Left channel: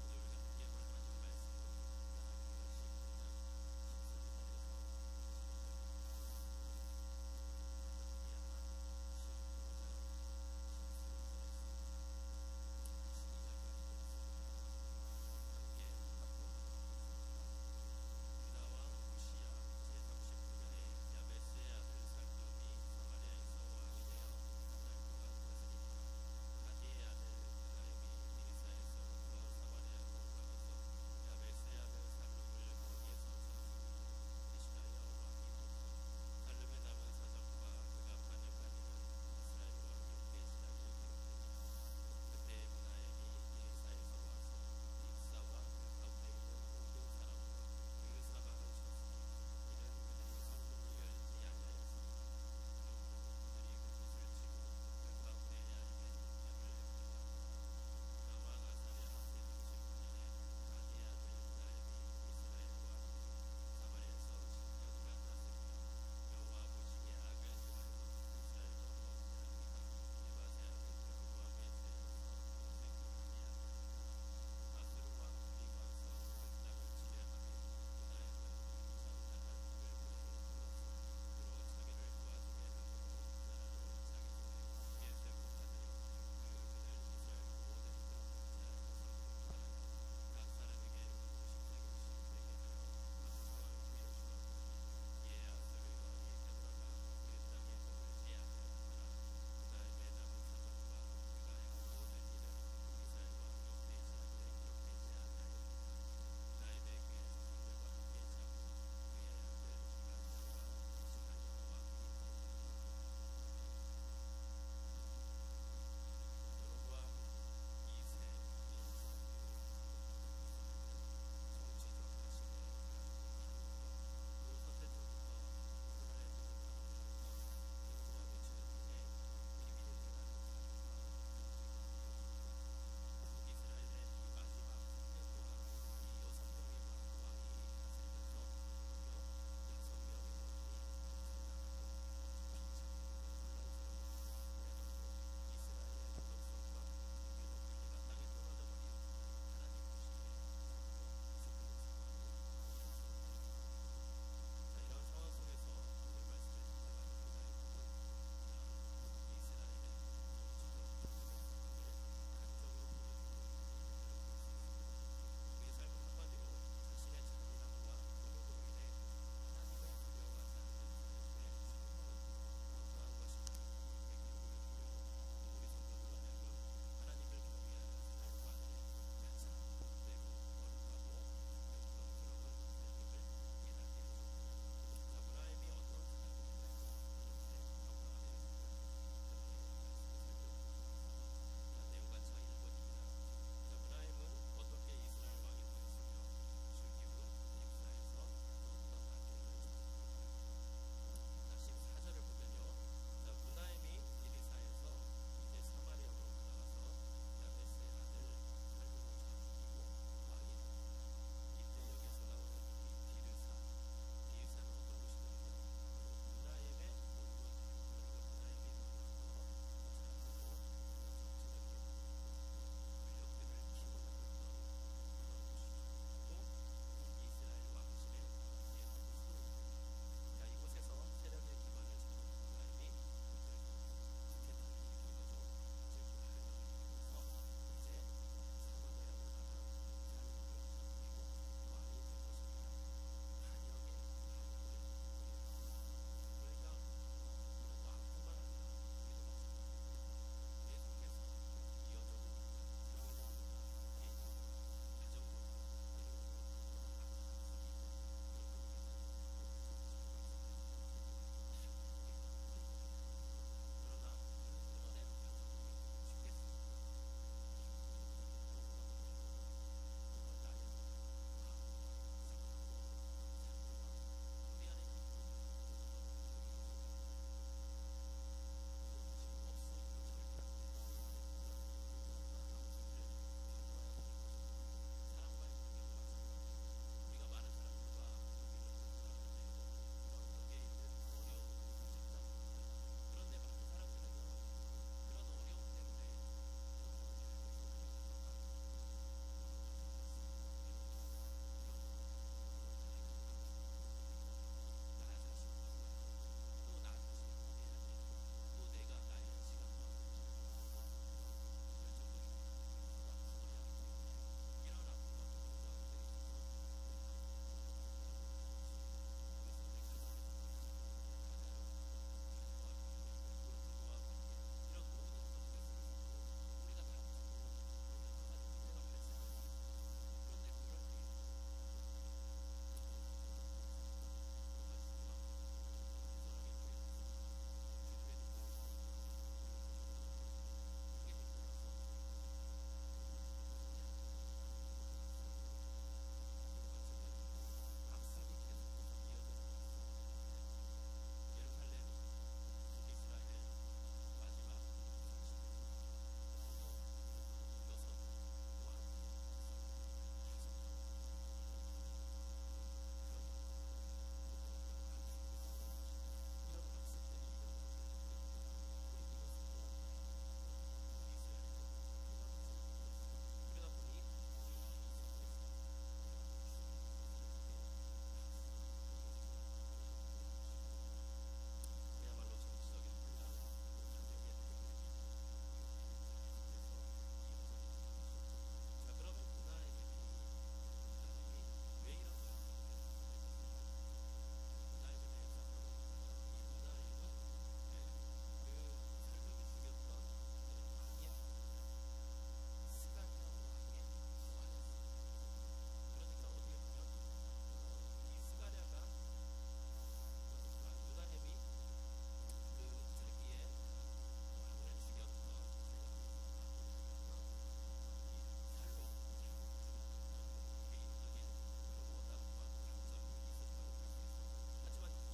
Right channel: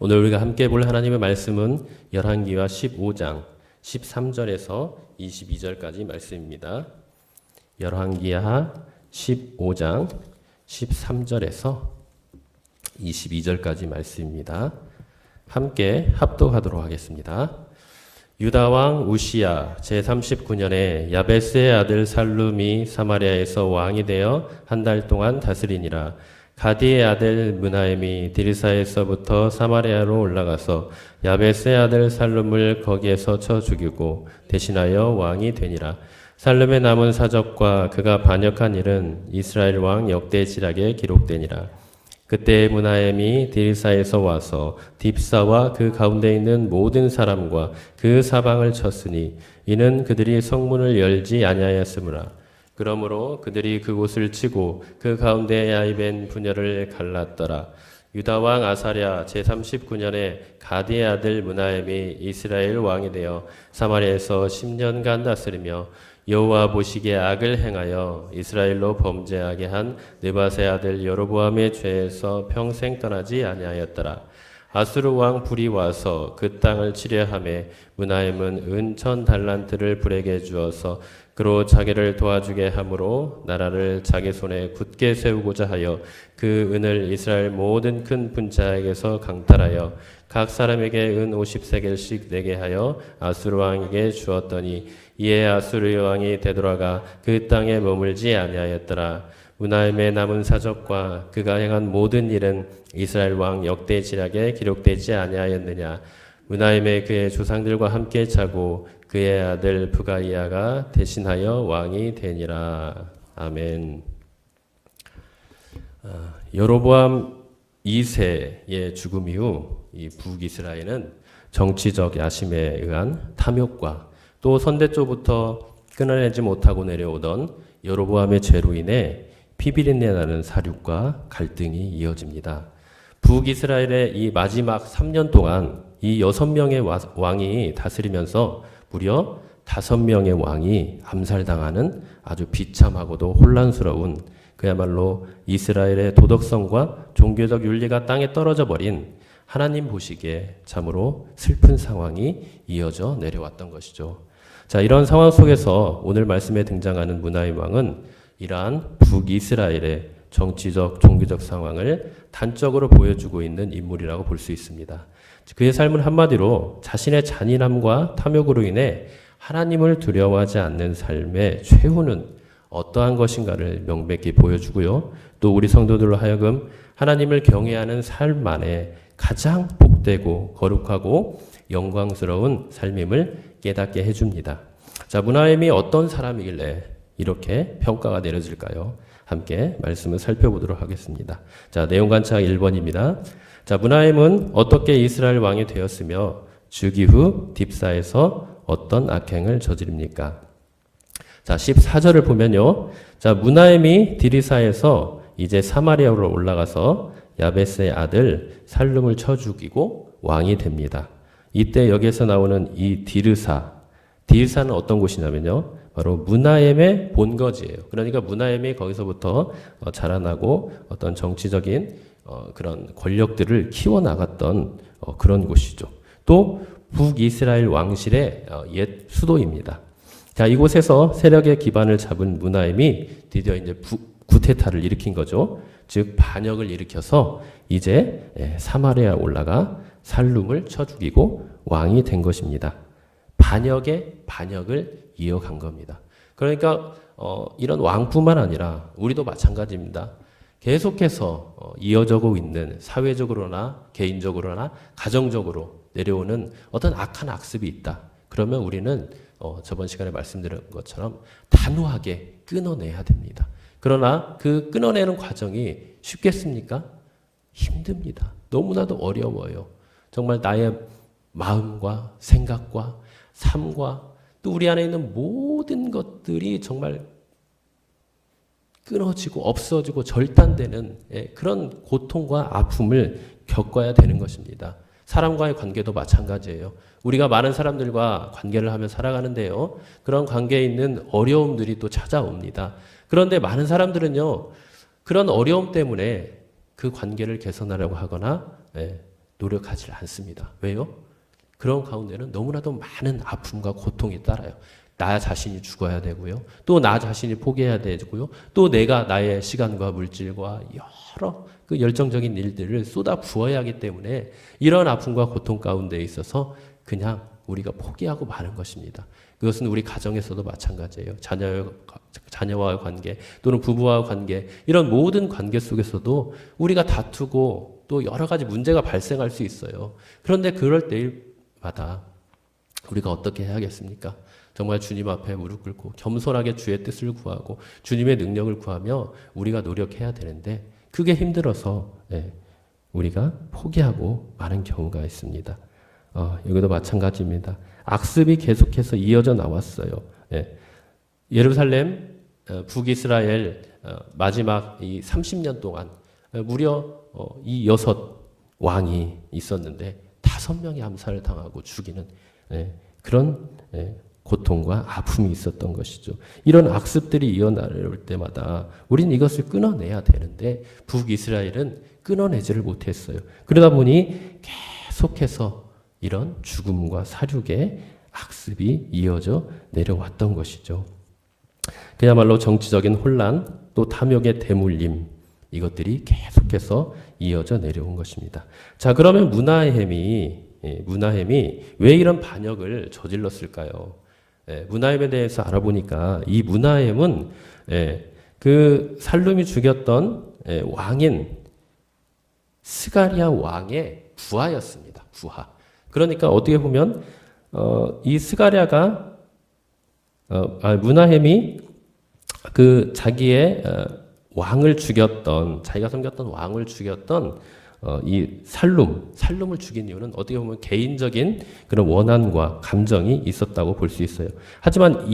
오늘 우리가 함께 볼 하나님의 말씀은 열왕기하 15장 13절에서 22절까지 말씀입니다. 열왕기하 15장 13절에서 22절까지 말씀입니다. 함께 합독하도록 하겠습니다. 유다 왕 우시야 제39년에 야베스의 아들 살룸이 사마리아에서 왕이 되어 한 달 동안 다스리니라. 가디의 아들 므나엠이 디르사에서부터 사마리아로 올라가서 야베스의 아들 살룸을 거기에서 쳐 죽이고 대신하여 왕이 되니라. 살룸의 남은 사적과 그가 반역한 일은 이스라엘 왕 역대지락에 기록되니라. 그때 므나엠이 디르사에서 와서 딥사와 그 가운데 있는 모든 사람과 그 사방을 쳤으니 이는 그들이 성문을 열지 아니하였으므라. 그러므로 그들이 그곳을 치고 그 가운데 야입엔 분열을 갈랐더라. 유다 왕 아사랴 제39년에 가디의 아들 므나엠이 이스라엘 왕이 되어 사마리아에서 10년간 다스리며 여호와 보시기에 악을 행하여 이스라엘로 범죄하게 한 느밧의 아들 여로보암의 죄에서 평생 떠나지 아니하였더라. 아수르 왕 불이 와서 그 땅을 치려하매 므나엠은 은 1000달란트를 불에게 주어서 그로 자기를 도와주게 함으로 나라를 자기 손에 굳게 세우고자 하여 그 은을 이스라엘 모든 큰 분자에게서 강탈하여 각 사람에게 은 50세겔씩 내게 하여 아수르 왕에게 주었더니 이에 아수르 왕이 되돌아가 그 땅에 머물지 아니하였더라. 므나엠의 남은 사적과 그가 행한 모든 일은 이스라엘 왕 역대지락에 기록되지 아니하였느냐. 므나엠의 그의 조상들과 함께 자고 그의 아들 부가이아가 대신하여 왕이 되니라. 아멘. 여로보암 2세의 죽음 이후 이 북이스라엘은 정치적 야심에 의한 탐욕과 또 선대조부터 끊어내지 못하고 내려오던 여로보암의 죄로 인해 피비린내 나는 사륙과 갈등이 이어집니다. 북이스라엘의 이 마지막 3년 동안 이 6명의 왕이 다스리면서 무려 5명의 왕이 암살당하는 아주 비참하고도 혼란스러운 그야말로 이스라엘의 도덕성과 종교적 윤리가 땅에 떨어져 버린 하나님 보시기에 참으로 슬픈 상황이 이어져 내려왔던 것이죠. 자, 이런 상황 속에서 오늘 말씀에 등장하는 므나엠 왕은 이러한 북이스라엘의 정치적 종교적 상황을 단적으로 보여주고 있는 인물이라고 볼 수 있습니다. 그의 삶은 한마디로 자신의 잔인함과 탐욕으로 인해 하나님을 두려워하지 않는 삶의 최후는 어떠한 것인가를 명백히 보여주고요. 또 우리 성도들로 하여금 하나님을 경외하는 삶 안에 가장 복되고 거룩하고 영광스러운 삶임을 깨닫게 해줍니다. 자, 므나엠이 어떤 사람이길래 이렇게 평가가 내려질까요? 함께 말씀을 살펴보도록 하겠습니다. 자, 내용 관찰 1번입니다. 자, 므나엠은 어떻게 이스라엘 왕이 되었으며 즉위 후 딥사에서 어떤 악행을 저지릅니까? 자, 14절을 보면요. 자, 므나엠이 디르사에서 이제 사마리아로 올라가서 야베스의 아들 살룸을 쳐 죽이고 왕이 됩니다. 이때 여기에서 나오는 이 디르사는 어떤 곳이냐면요. 바로 므나엠의 본거지예요. 그러니까 므나엠이 거기서부터 자라나고 어떤 정치적인 그런 권력들을 키워나갔던 그런 곳이죠. 또 북이스라엘 왕실의 옛 수도입니다. 자, 이곳에서 세력의 기반을 잡은 므나엠이 드디어 이제 구테타를 일으킨 거죠. 즉 반역을 일으켜서 이제 사마리아 올라가 살룸을 쳐 죽이고 왕이 된 것입니다. 반역의 반역을 이어간 겁니다. 그러니까 이런 왕뿐만 아니라 우리도 마찬가지입니다. 계속해서 이어져고 있는 사회적으로나 개인적으로나 가정적으로 내려오는 어떤 악한 악습이 있다. 그러면 우리는 저번 시간에 말씀드린 것처럼 단호하게 끊어내야 됩니다. 그러나 그 끊어내는 과정이 쉽겠습니까? 힘듭니다. 너무나도 어려워요. 정말 나의 마음과 생각과 삶과 또 우리 안에 있는 모든 것들이 정말 끊어지고 없어지고 절단되는 그런 고통과 아픔을 겪어야 되는 것입니다. 사람과의 관계도 마찬가지예요. 우리가 많은 사람들과 관계를 하며 살아가는데요. 그런 관계에 있는 어려움들이 또 찾아옵니다. 그런데 많은 사람들은요. 그런 어려움 때문에 그 관계를 개선하려고 하거나 노력하지 않습니다. 왜요? 그런 가운데는 너무나도 많은 아픔과 고통이 따라요. 나 자신이 죽어야 되고요. 또 나 자신이 포기해야 되고요. 또 내가 나의 시간과 물질과 여러 그 열정적인 일들을 쏟아 부어야 하기 때문에 이런 아픔과 고통 가운데 있어서 그냥 우리가 포기하고 마는 것입니다. 그것은 우리 가정에서도 마찬가지예요. 자녀와의 관계 또는 부부와의 관계, 이런 모든 관계 속에서도 우리가 다투고 또 여러 가지 문제가 발생할 수 있어요. 그런데 그럴 때마다 우리가 어떻게 해야겠습니까? 정말 주님 앞에 무릎 꿇고 겸손하게 주의 뜻을 구하고 주님의 능력을 구하며 우리가 노력해야 되는데, 그게 힘들어서 우리가 포기하고 마는 경우가 있습니다. 여기도 마찬가지입니다. 악습이 계속해서 이어져 나왔어요. 예루살렘, 북이스라엘 마지막 이 30년 동안 무려 이 6왕이 있었는데 5명이 암살을 당하고 죽이는 그런 고통과 아픔이 있었던 것이죠. 이런 악습들이 이어나올 때마다 우리는 이것을 끊어내야 되는데 북이스라엘은 끊어내지를 못했어요. 그러다 보니 계속해서 이런 죽음과 살육의 악습이 이어져 내려왔던 것이죠. 그야말로 정치적인 혼란, 또 탐욕의 대물림, 이것들이 계속해서 이어져 내려온 것입니다. 자, 그러면 문하햄이 왜 이런 반역을 저질렀을까요? 문하햄에 대해서 알아보니까 이 문하햄은 그 살룸이 죽였던 왕인 스가랴 왕의 부하였습니다. 부하. 그러니까 어떻게 보면 이 스가랴가 문하햄이 그 자기의 왕을 죽였던, 자기가 섬겼던 왕을 죽였던 이 살룸을 죽인 이유는 어떻게 보면 개인적인 그런 원한과 감정이 있었다고 볼 수 있어요. 하지만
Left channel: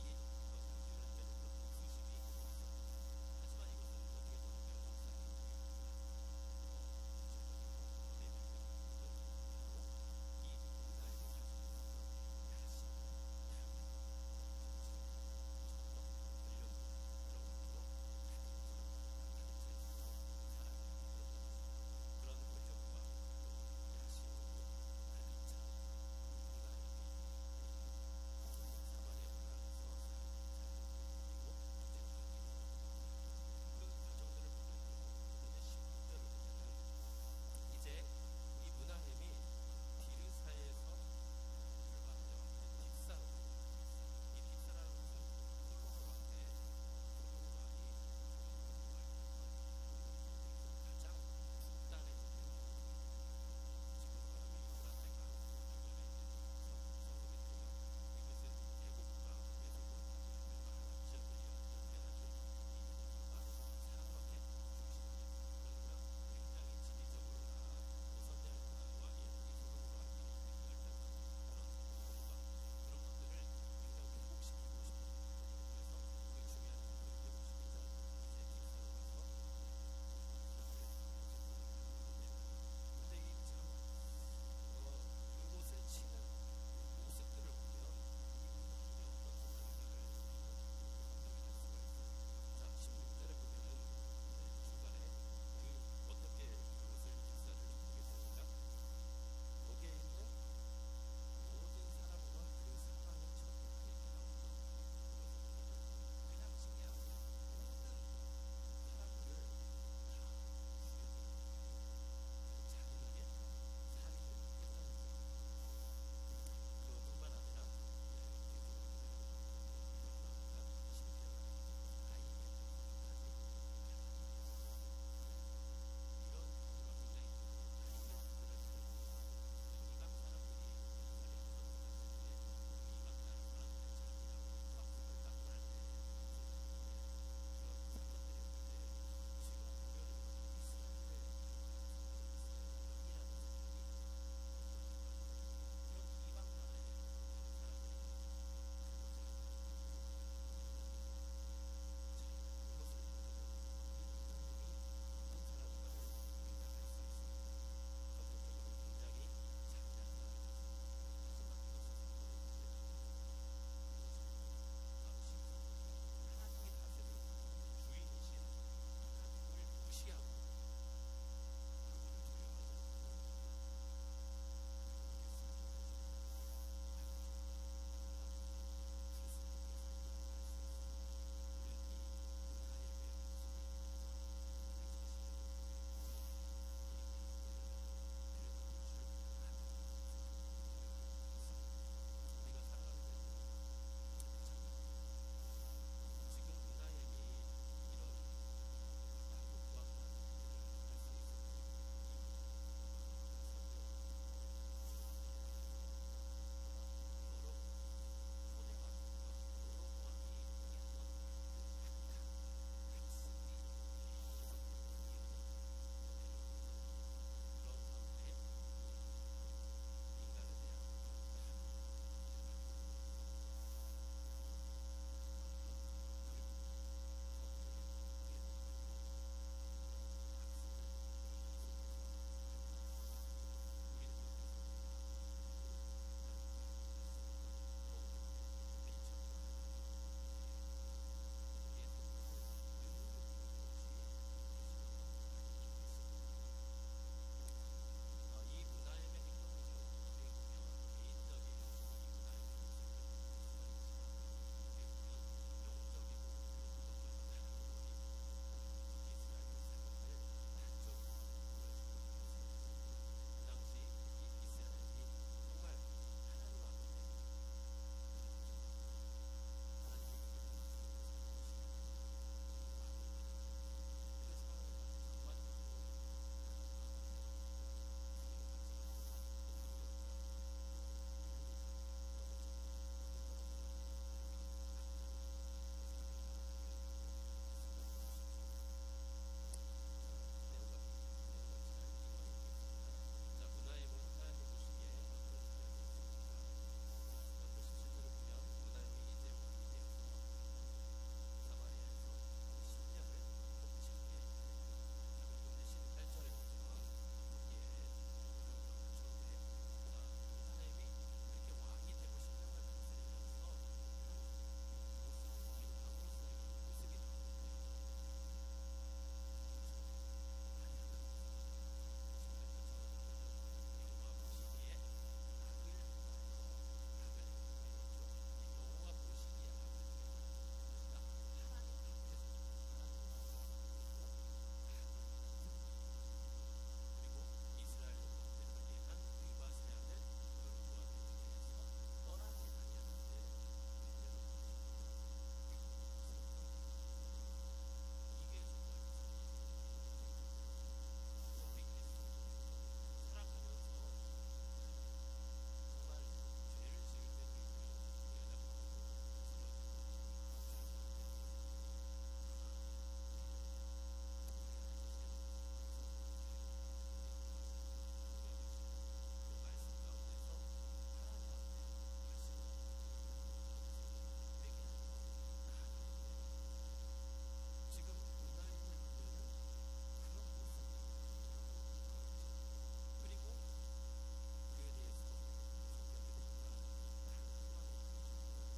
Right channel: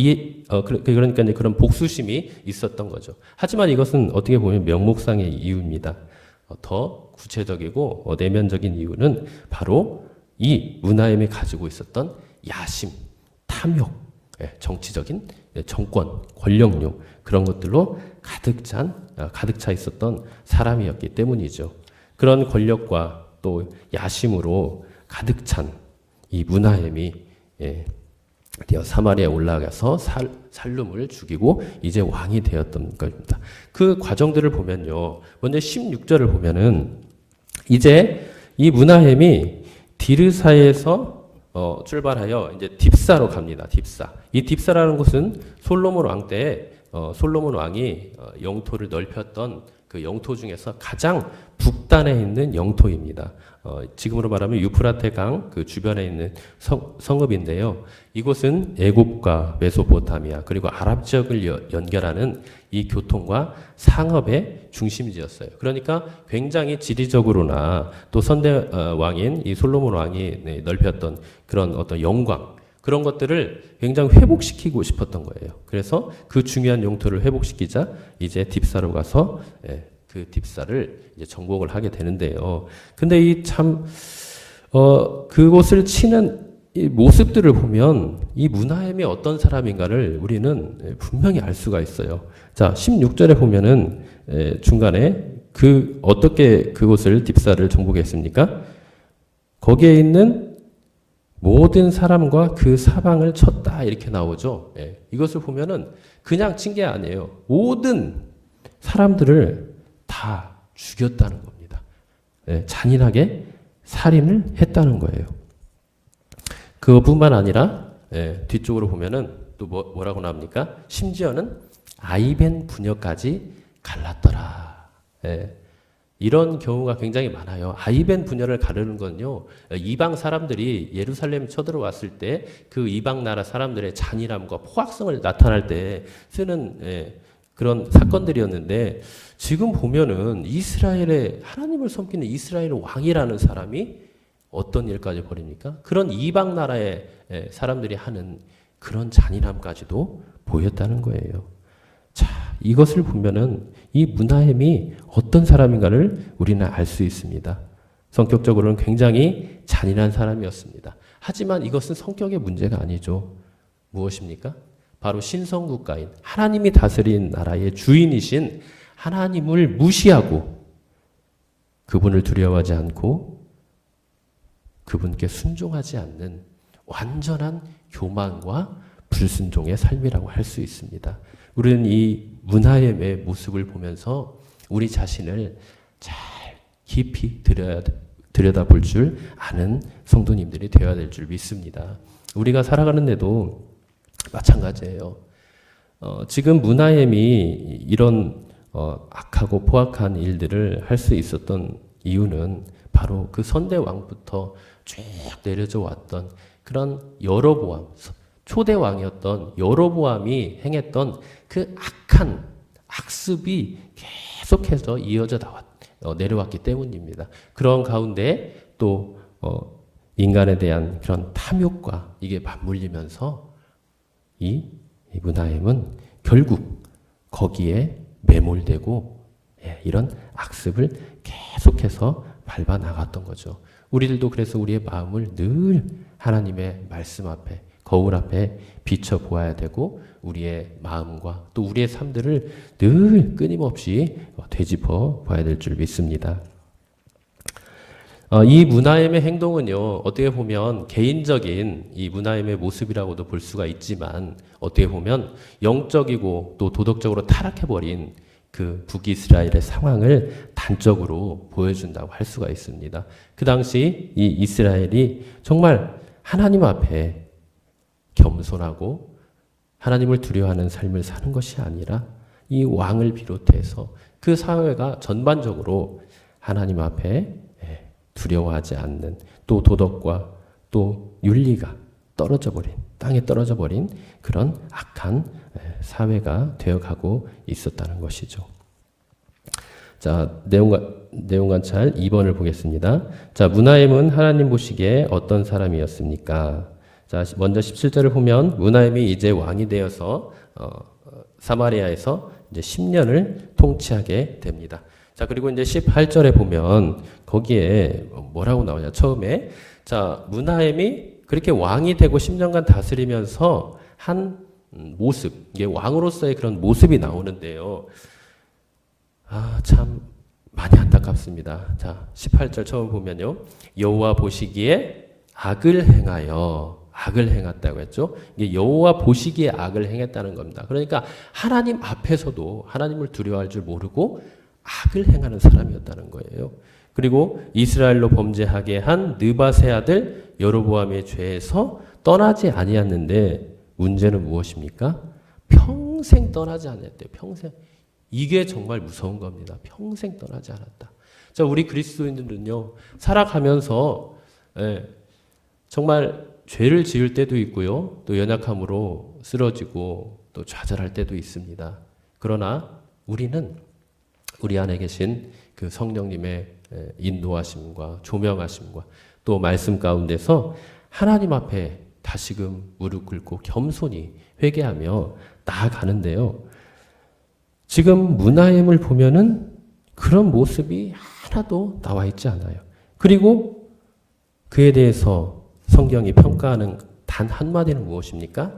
그러니까 이제 그런 복수심이 있었던 거죠. 하지만 이것은 어떻게 보면 명목상의 이유입니다. 더 구체적이고 내면적인 이유는 바로 이 문하햄이 가지고 있었던 야심, 탐욕, 정치적인 정권, 권력욕, 그런 것들로 가득 차 있었던 사람이었기 때문이죠. 그런 권력과 또 야심으로 가득 찬 이 문하햄이 사마리아에 올라가서 살룸을 죽이고 이제 왕이 되었던 겁니다. 그 과정들을 보면요, 먼저 16절을 보면은 이제 이 문하햄이 디르사에서 출발하여 이제 딥사로 갑니다. 딥사. 이 딥사라는 곳은 솔로몬 왕 때에 솔로몬 왕이 영토를 넓혔던 그 영토 중에서 가장 북단에 있는 영토입니다. 지금으로 말하면 유프라테 강 그 주변에 있는 성읍인데요. 이곳은 애굽과 메소포타미아 그리고 아랍 지역을 연결하는 이 교통과 상업의 중심지였어요. 그러니까 굉장히 지리적으로나 또 선대 왕인 이 솔로몬 왕이 넓혔던 그런 어떤 영광, 그런 것들을 굉장히 회복시키고 싶었던 거예요. 그래서 그 중요한 영토를 회복시키자 이제 딥사로 가서 그 딥사를 이제 정복을 하게 되는데요. 근데 이 참 그곳을 치는 이 모습들을 보면 이 문하햄이 어떤 사람인가를 우리는 분명히 알 수가 있어요. 자, 16절에 보면은 중간에 어떻게 그곳을 딥사를 정복했습니까? 거기에 있는 모든 사람과 그 사방을 쳤다, 이렇게 나오죠. 이것을 보면은 그냥 친 게 아니에요. 모든 사람들을 다 죽였다는 겁니다. 잔인하게 살인을 했다는 거예요. 그것뿐만 아니라 뒤쪽으로 보면은 또 뭐라고 나옵니까? 심지어는 아이벤 부녀까지 갈랐더라. 이런 경우가 굉장히 많아요. 아이벤 부녀를 가르는 건요, 이방 사람들이 예루살렘 쳐들어왔을 때 그 이방 나라 사람들의 잔인함과 포악성을 나타날 때 쓰는 그런 사건들이었는데, 지금 보면은 이스라엘의 하나님을 섬기는 이스라엘 왕이라는 사람이 어떤 일까지 벌입니까? 그런 이방 나라의 사람들이 하는 그런 잔인함까지도 보였다는 거예요. 자, 이것을 보면은 이 문하햄이 어떤 사람인가를 우리는 알 수 있습니다. 성격적으로는 굉장히 잔인한 사람이었습니다. 하지만 이것은 성격의 문제가 아니죠. 무엇입니까? 바로 신성국가인 하나님이 다스린 나라의 주인이신 하나님을 무시하고 그분을 두려워하지 않고 그분께 순종하지 않는 완전한 교만과 불순종의 삶이라고 할 수 있습니다. 우리는 이 문하엠의 모습을 보면서 우리 자신을 잘 깊이 들여다볼 줄 아는 성도님들이 되어야 될 줄 믿습니다. 우리가 살아가는 데도 마찬가지예요. 지금 문하엠이 이런 악하고 포악한 일들을 할 수 있었던 이유는 바로 그 선대 왕부터 쭉 내려져 왔던 그런 여로보암, 초대 왕이었던 여로보암이 행했던 그 악한 악습이 계속해서 이어져 내려왔기 때문입니다. 그런 가운데 또 인간에 대한 그런 탐욕과 이게 맞물리면서 이 문하엠은 결국 거기에 매몰되고 이런 악습을 계속해서 밟아 나갔던 거죠. 우리들도 그래서 우리의 마음을 늘 하나님의 말씀 앞에, 거울 앞에 비춰 보아야 되고 우리의 마음과 또 우리의 삶들을 늘 끊임없이 되짚어 봐야 될 줄 믿습니다. 이 문하엠의 행동은요, 어떻게 보면 개인적인 이 문하엠의 모습이라고도 볼 수가 있지만 어떻게 보면 영적이고 또 도덕적으로 타락해버린 그 북이스라엘의 상황을 단적으로 보여준다고 할 수가 있습니다. 그 당시 이 이스라엘이 정말 하나님 앞에 겸손하고 하나님을 두려워하는 삶을 사는 것이 아니라 이 왕을 비롯해서 그 사회가 전반적으로 하나님 앞에 두려워하지 않는 또 도덕과 또 윤리가 떨어져 버린 땅에 떨어져 버린 그런 악한 사회가 되어가고 있었다는 것이죠. 자, 내용 관찰 2번을 보겠습니다. 자, 문하엠은 하나님 보시기에 어떤 사람이었습니까? 자, 먼저 17절을 보면 문하엠이 이제 왕이 되어서 사마리아에서 이제 10년을 통치하게 됩니다. 자, 그리고 이제 18절에 보면 거기에 뭐라고 나오냐? 처음에 자, 문하엠이 그렇게 왕이 되고 10년간 다스리면서 한 모습, 이게 왕으로서의 그런 모습이 나오는데요. 참 많이 안타깝습니다. 자, 18절 처음 보면요. 여호와 보시기에 악을 행했다고 했죠. 이게 여호와 보시기에 악을 행했다는 겁니다. 그러니까 하나님 앞에서도 하나님을 두려워할 줄 모르고 악을 행하는 사람이었다는 거예요. 그리고 이스라엘로 범죄하게 한 느밧의 아들 여로보암의 죄에서 떠나지 아니었는데 문제는 무엇입니까? 평생 떠나지 않았대요. 평생. 이게 정말 무서운 겁니다. 평생 떠나지 않았다. 자, 우리 그리스도인들은요, 살아가면서 정말 죄를 지을 때도 있고요, 또 연약함으로 쓰러지고 또 좌절할 때도 있습니다. 그러나 우리는 우리 안에 계신 그 성령님의 인도하심과 조명하심과 또 말씀 가운데서 하나님 앞에 다시금 무릎 꿇고 겸손히 회개하며 나아가는데요. 지금 문하엠을 보면은 그런 모습이 하나도 나와 있지 않아요. 그리고 그에 대해서 성경이 평가하는 단 한마디는 무엇입니까?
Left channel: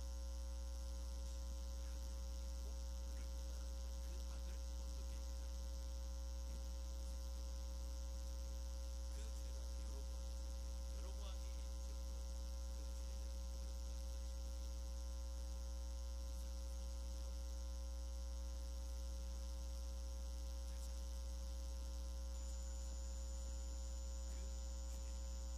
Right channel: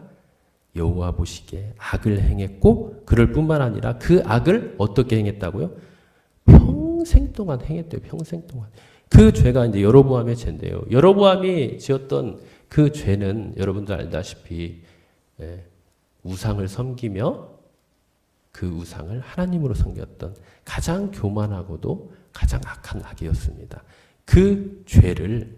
여호와 보시기에 악을 행했고 그럴 뿐만 아니라 그 악을 어떻게 행했다고요? 평생 동안 행했대요. 평생 동안. 그 죄가 이제 여로보암의 죄인데요. 여로보암이 지었던 그 죄는 여러분도 알다시피 우상을 섬기며 그 우상을 하나님으로 섬겼던 가장 교만하고도 가장 악한 악이었습니다. 그 죄를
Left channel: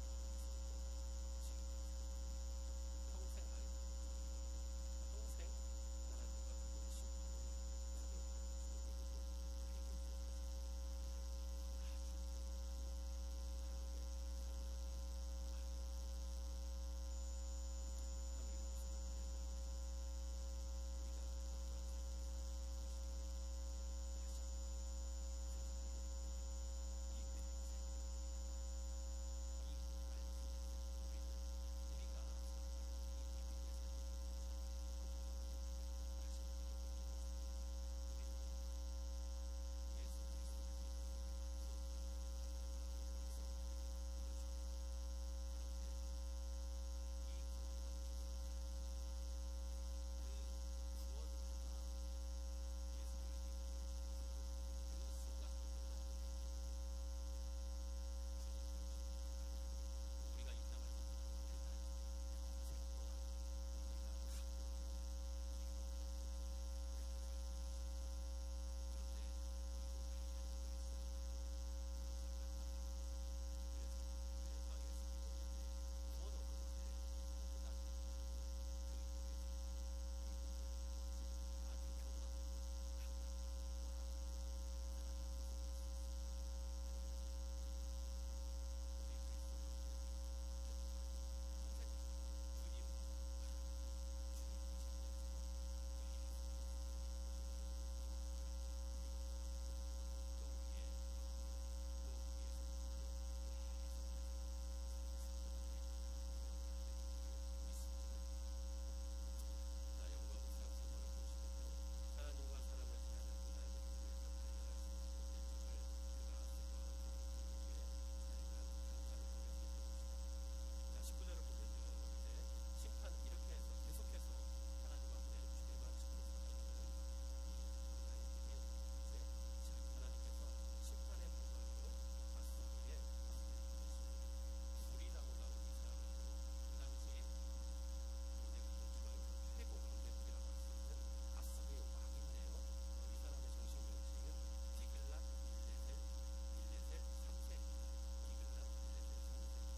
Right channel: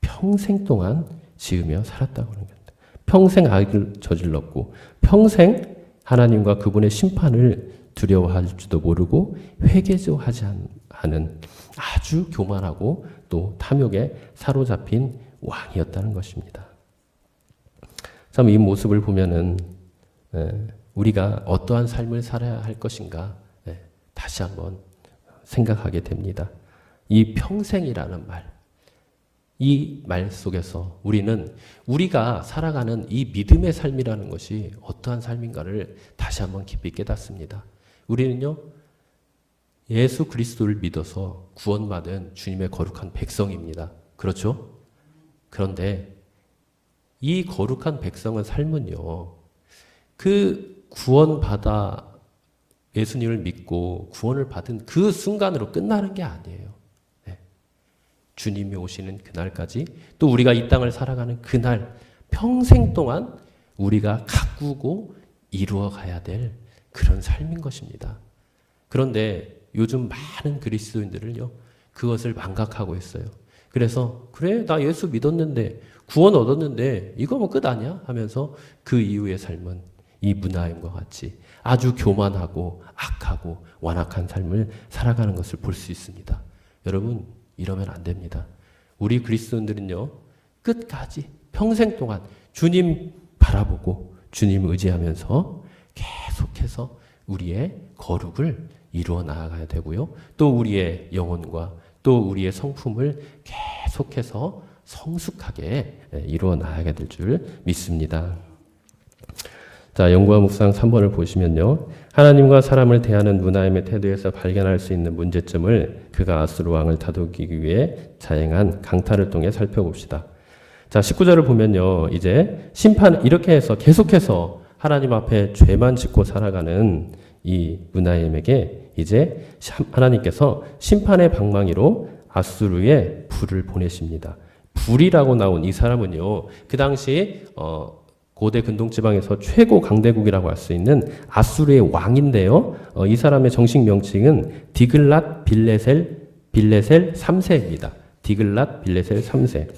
평생 동안 지으며 살았다고 하는 겁니다. 평생 악을 저질렀고 평생 하나님과 그분의 심판을 두려워할지도 모르고 회개도 하지 않은 아주 교만하고 또 탐욕에 사로잡힌 왕이었다는 것입니다. 참 이 모습을 보면은 우리가 어떠한 삶을 살아야 할 것인가 다시 한번 생각하게 됩니다. 이 평생이라는 말, 이 말 속에서 우리는 우리가 살아가는 이 믿음의 삶이라는 것이 어떠한 삶인가를 다시 한번 깊이 깨닫습니다. 우리는요, 예수 그리스도를 믿어서 구원받은 주님의 거룩한 백성입니다. 그렇죠? 그런데 이 거룩한 백성의 삶은요, 그 구원받아 예수님을 믿고 구원을 받은 그 순간으로 끝나는 게 아니에요. 주님이 오시는 그날까지 또 우리가 이 땅을 살아가는 그날 평생 동안 우리가 가꾸고 이루어 가야 될 그런 삶인 것입니다. 그런데 요즘 많은 그리스도인들을요, 그것을 망각하고 있어요. 그래서 그래 나 예수 믿었는데 구원 얻었는데 이거 뭐 끝 아니야? 하면서 그 이후의 삶은 이 문하임과 같이 아주 교만하고 악하고 완악한 삶을 살아가는 것을 볼 수 있습니다. 여러분 이러면 안 됩니다. 우리 그리스도인들은요 끝까지 평생 동안 주님 바라보고 주님 의지하면서 계속해서 우리의 거룩을 이루어 나아가야 되고요. 또 우리의 영혼과 또 우리의 성품을 계속해서 성숙하게 이루어 나아가야 될 줄 믿습니다. 자, 연구와 묵상 3번을 보시면요. 하나님과 사람을 대하는 문하임의 태도에서 발견할 수 있는 문제점을 그가 아수르 왕을 다독이기 위해 자행한 강탈을 통해 살펴봅시다. 자, 19절을 보면요. 이제 심판 이렇게 해서 계속해서 하나님 앞에 죄만 짓고 살아가는 이 문하임에게 이제 하나님께서 심판의 방망이로 아수르의 불을 보내십니다. 불이라고 나온 이 사람은요, 그 당시 고대 근동지방에서 최고 강대국이라고 할 수 있는 아수르의 왕인데요. 이 사람의 정식 명칭은 디글랏 빌레셀 3세입니다. 디글랏 빌레셀 3세.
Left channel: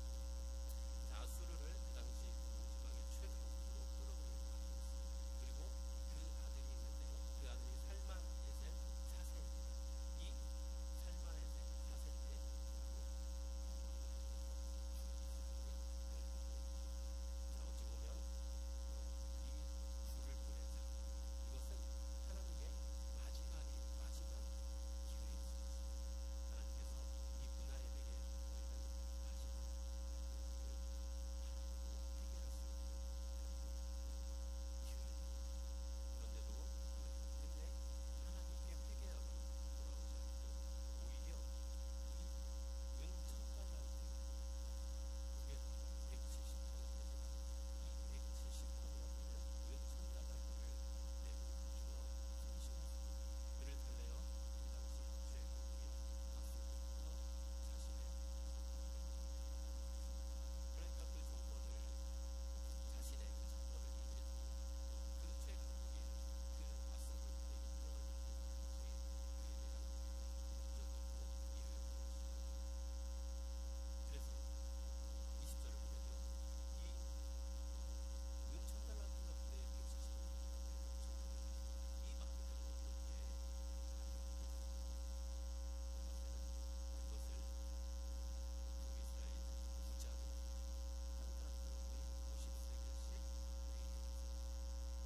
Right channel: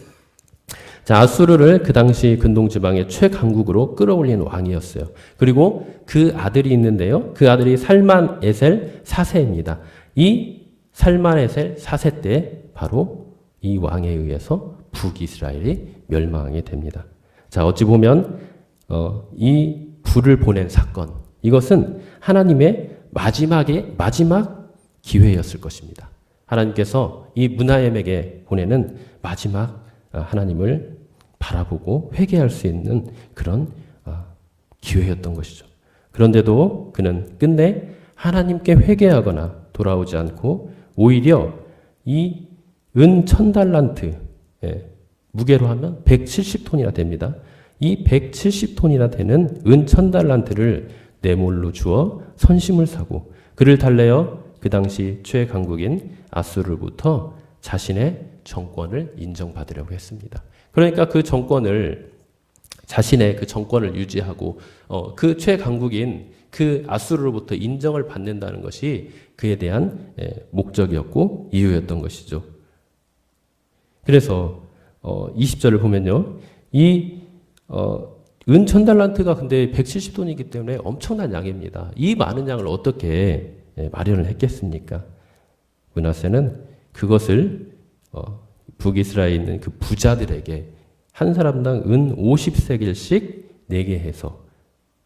자, 아수르를 그 당시 근동지방의 최강국으로 끌어올린 왕이었어요. 그리고 그 아들이 있는데요. 그 아들이 살만 에셀 4세입니다. 이 살만 에셀 4세 때 바로 이 왕에 의해서 북이스라엘이 멸망하게 됩니다. 자, 어찌 보면 이 불을 보낸 사건, 이것은 하나님의 마지막 기회였을 것입니다. 하나님께서 이 문하임에게 보내는 마지막 하나님을 바라보고 회개할 수 있는 그런 기회였던 것이죠. 그런데도 그는 끝내 하나님께 회개하거나 돌아오지 않고 오히려 이 은 1000달란트, 무게로 하면 170톤이나 됩니다. 이 170톤이나 되는 은 1000달란트를 내몰로 주어 선심을 사고 그를 달래어 그 당시 최강국인 아수르로부터 자신의 정권을 인정받으려고 했습니다. 그러니까 그 정권을 자신의 그 정권을 유지하고 그 최강국인 그 아수르로부터 인정을 받는다는 것이 그에 대한 목적이었고 이유였던 것이죠. 그래서 20절을 보면요. 이 은 1000달란트가 근데 170돈이기 때문에 엄청난 양입니다. 이 많은 양을 어떻게 마련을 했겠습니까? 므낫세는 그것을 북이스라엘에 있는 그 부자들에게 한 사람당 은 50세겔씩 내게 해서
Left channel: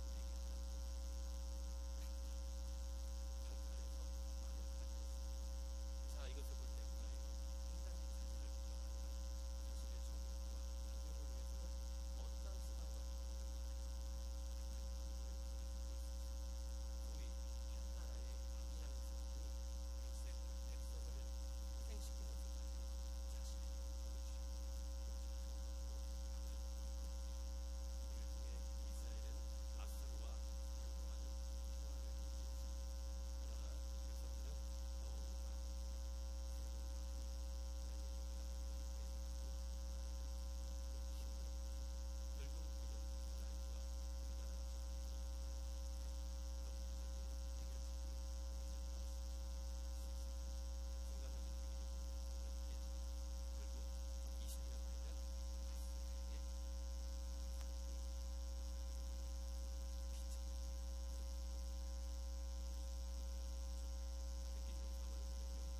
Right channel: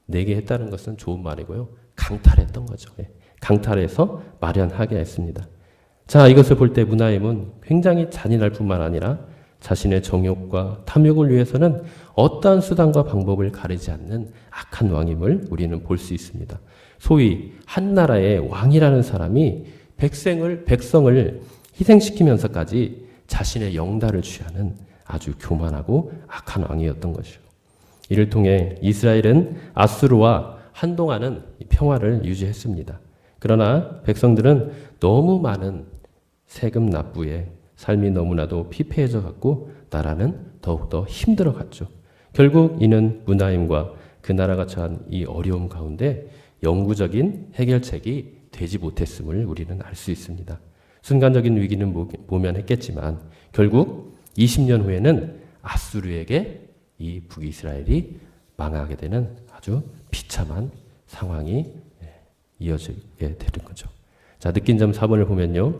내게 했다는 것은 좋은 말이고요. 강탈했던 거죠. 강탈해서 마련하게 했습니다. 자, 이것을 볼 때 문하임은 굉장히 잔인할 뿐만 아니라 자신의 정욕과 탐욕을 위해서는 어떠한 수단과 방법을 가리지 않는 악한 왕임을 우리는 볼 수 있습니다. 소위 한 나라의 왕이라는 사람이 백성을 희생시키면서까지 자신의 영달을 취하는 아주 교만하고 악한 왕이었던 것이죠. 이를 통해 이스라엘은 아수르와 한동안은 평화를 유지했습니다. 그러나 백성들은 너무 많은 세금 납부에 삶이 너무나도 피폐해져 갔고 나라는 더욱더 힘들어 갔죠. 결국 이는 문하임과 그 나라가 처한 이 어려움 가운데 영구적인 해결책이 되지 못했음을 우리는 알 수 있습니다. 순간적인 위기는 모면했겠지만 결국 20년 후에는 아수르에게 이 북이스라엘이 망하게 되는 아주 비참한 상황이 이어지게 되는 거죠. 자, 느낀 점 4번을 보면요.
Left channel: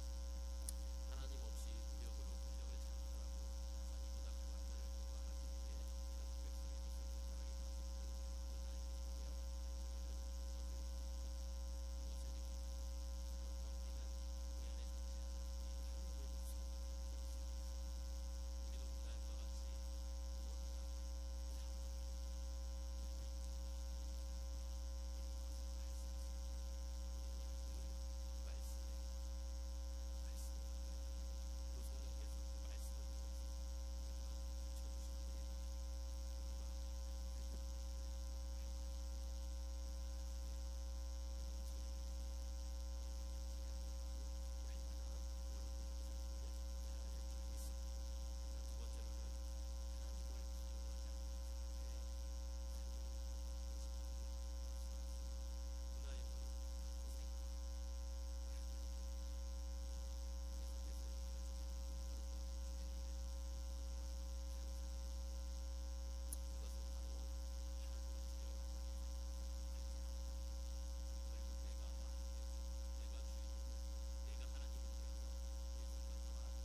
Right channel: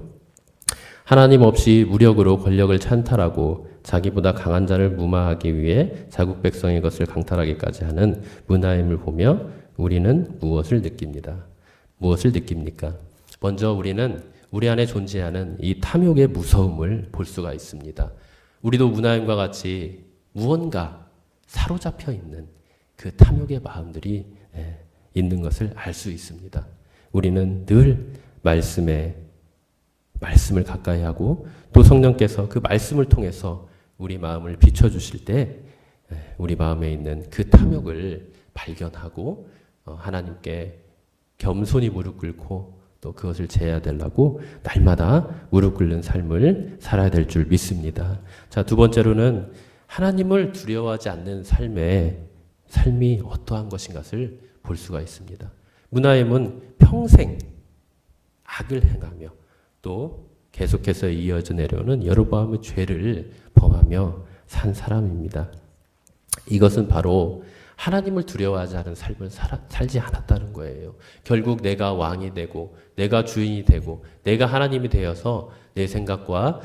하나님 없이 무력으로 권력을 찬탈하고 자기보다 강한 자를 무마하기 위해 자국 백성의 것을 강탈하기까지 하는 문하임을 보며 우리는 무엇을 느낍니다. 무엇을 느낍니까? 먼저 우리는 우리 안에 존재하는 이 탐욕의 무서움을 볼 수가 있습니다. 우리도 문하임과 같이 무언가 사로잡혀 있는 그 탐욕의 마음들이 있는 것을 알 수 있습니다. 우리는 늘 말씀을 가까이 하고 또 성령께서 그 말씀을 통해서 우리 마음을 비춰주실 때 우리 마음에 있는 그 탐욕을 발견하고 하나님께 겸손히 무릎 꿇고 또 그것을 제해야 되려고 날마다 무릎 꿇는 삶을 살아야 될 줄 믿습니다. 자, 두 번째로는 하나님을 두려워하지 않는 삶이 어떠한 것인가를 볼 수가 있습니다. 문하임은 평생 악을 행하며 또 계속해서 이어져 내려오는 여로보암의 죄를 범하며 산 사람입니다. 이것은 바로 하나님을 두려워하지 않은 삶을 살지 않았다는 거예요. 결국 내가 왕이 되고 내가 주인이 되고 내가 하나님이 되어서 내 생각과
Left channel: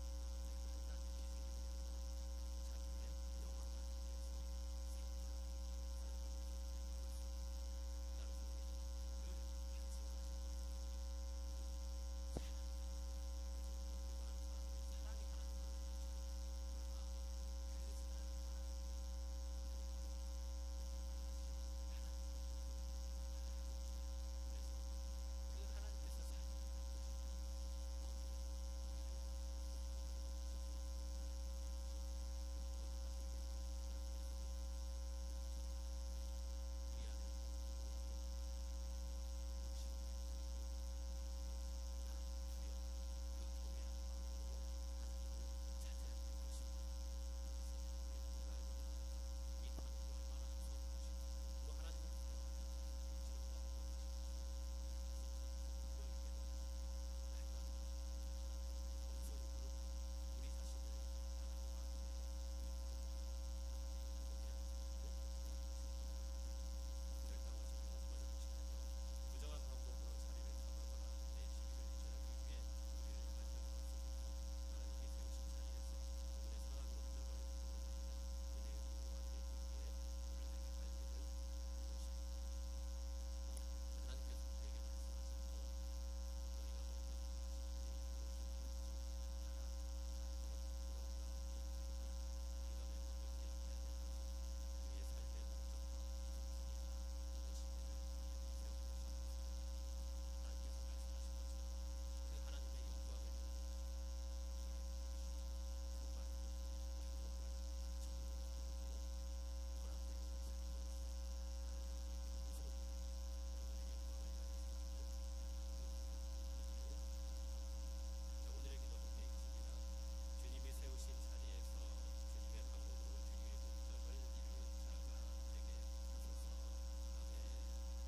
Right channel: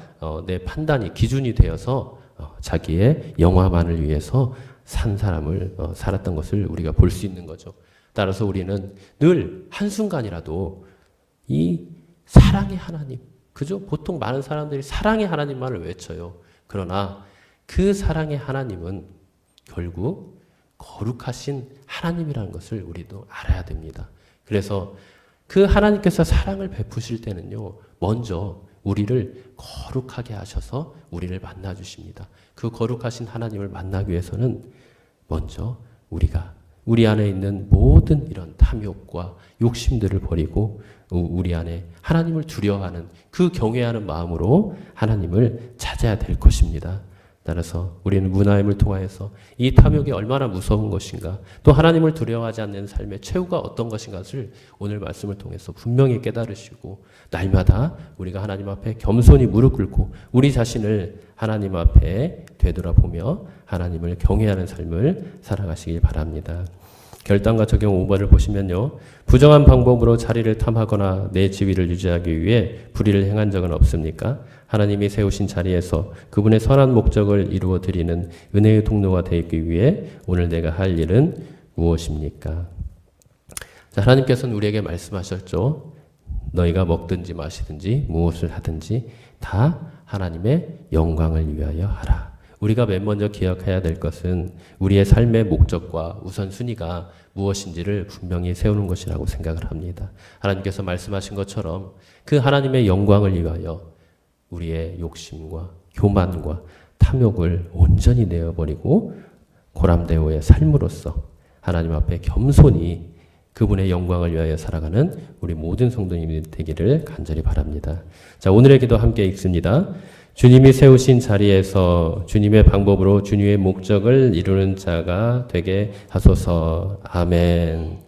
내 판단이 기준이 되어서 자기의 영화만을 위해서 산 사람을 살았던 것을 우리가 볼 수 있는 거죠. 따라서 우리는 늘 한순간이라도 이 사랑의 하나님, 그죠? 보통 많은 사람들이 사랑의 하나님만을 외쳐요. 그러나 그 사랑의 하나님은 결국 거룩하신 하나님이라는 것을 우리도 알아야 됩니다. 그래서 그 하나님께서 사랑을 베푸실 때는요, 먼저 우리를 거룩하게 하셔서 우리를 만나 주십니다. 그 거룩하신 하나님을 만나기 위해서는 먼저 우리 안에 있는 모든 이런 탐욕과 욕심들을 버리고 우리 안에 하나님을 두려워하는 그 경외하는 마음으로 하나님을 찾아야 될 것입니다. 따라서 우리는 문하임을 통하여서 이 탐욕이 얼마나 무서운 것인가, 또 하나님을 두려워하지 않는 삶의 최후가 어떤 것인가를 오늘 말씀을 통해서 분명히 깨달으시고 날마다 우리가 하나님 앞에 겸손히 무릎 꿇고 우리 자신을 하나님 앞에 되돌아보며 하나님을 경외하는 삶을 살아가시길 바랍니다. 결단과 적용 5번을 보시면요. 부정한 방법으로 자리를 탐하거나 내 지위를 유지하기 위해 불의를 행한 적은 없습니까? 하나님이 세우신 자리에서 그분의 선한 목적을 이루어 드리는 은혜의 통로가 되기 위해 오늘 내가 할 일은 무엇입니까? 자, 하나님께서는 우리에게 말씀하셨죠. 너희가 먹든지 마시든지 무엇을 하든지 다 하나님의 영광을 위하여 하라. 우리가 맨 먼저 기억해야 될 것은 우리의 삶의 목적과 우선순위가 무엇인지를 분명히 세우는 것이라고 생각을 합니다. 하나님께서 말씀하신 것처럼 그 하나님의 영광을 위하여 우리의 욕심과 교만과 탐욕을 온전히 내어버리고 고람대오의 삶으로서 하나님 앞에 겸손히 그분의 영광을 위하여 살아가는 우리 모든 성도님이 되기를 간절히 바랍니다. 자, 오늘의 기도 함께 읽습니다. 주님이 세우신 자리에서 주님의 방법으로 주님의 목적을 이루는 자가 되게 하소서. 아멘.